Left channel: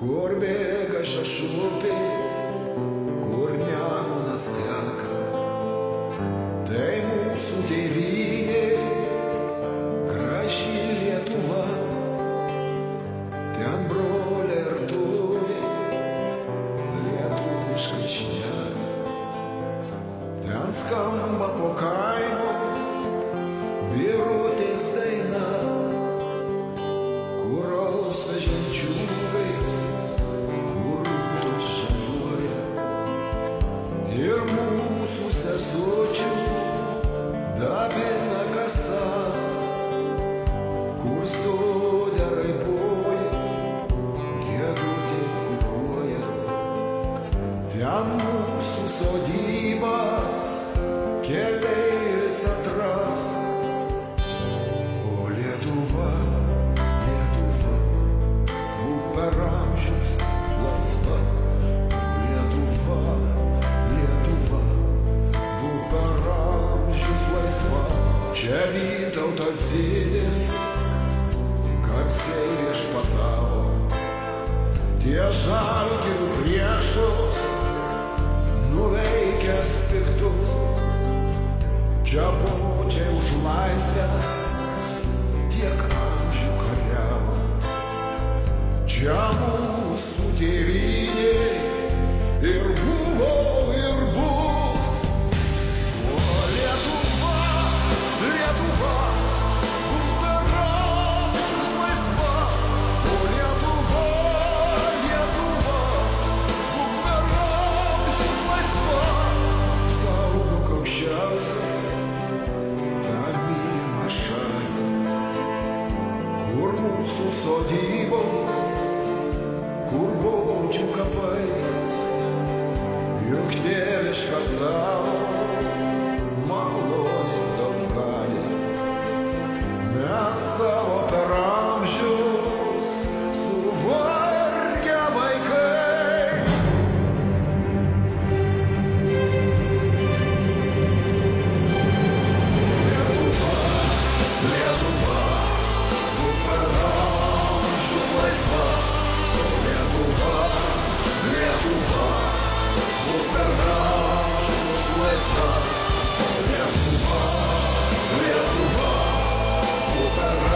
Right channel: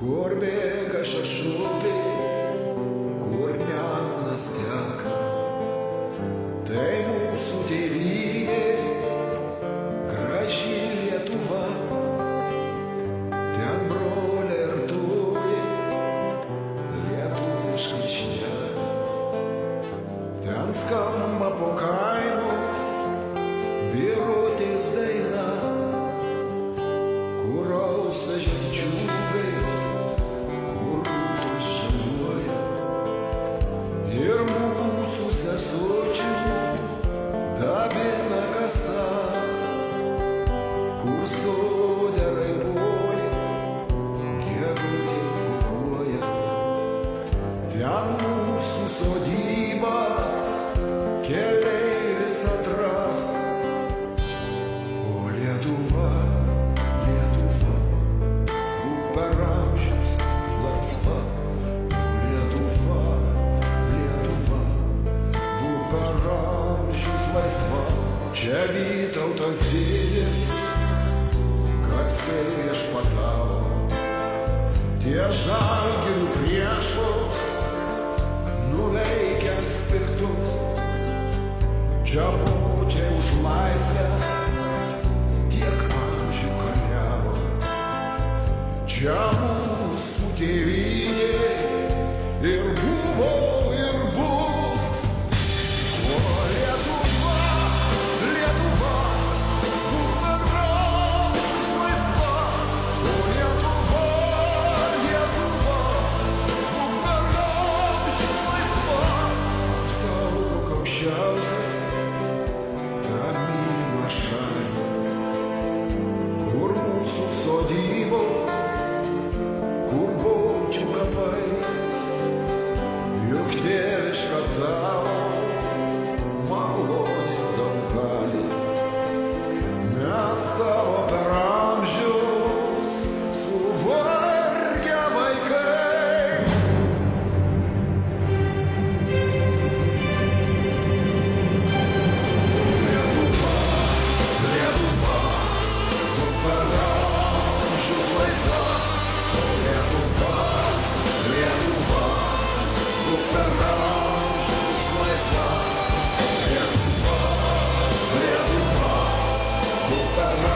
kur bėga šešupė, kur Nemunas teka. Tai mūsų tėvynė, graži Lietuva, ten broliai ir turi lietuviškai šneka. Ten skamba po kaimus birutės daina, kur austa žemčiūgai, kur rūtos žaliuoja. Ir mūsų sesučių dabina kasas, kur sode raiboji, gegutė kukuoja. Ten mūsų sodybas keleivis atras. O Lietuva, Lietuva, būk per amžius laisva. O Lietuva, Lietuva, būk per amžius laisva. Čia Vytautas didis garsiai viešpatavo, tie žalgirių priešus nuveikęs piktus. Čia bočiai už laisvę tiek amžių kariavo. Čia mūsų tėvynė ir buvo ir bus. O Lietuva, Lietuva, būk per amžius laisva. O Lietuva, Lietuva, būk per amžius laisva. Apsaugok aukščiausias tą mylimą šalį, kur mūsų sodybos, kur bomčių kapai. Juk tėviška tavo malonė daug gali. Mes tavo per amžius suvargę vaikai. Lietuva, Lietuva, būk per amžius laisva. O Lietuva, Lietuva, būk per amžius laisva. O Lietuva, Lietuva, būk per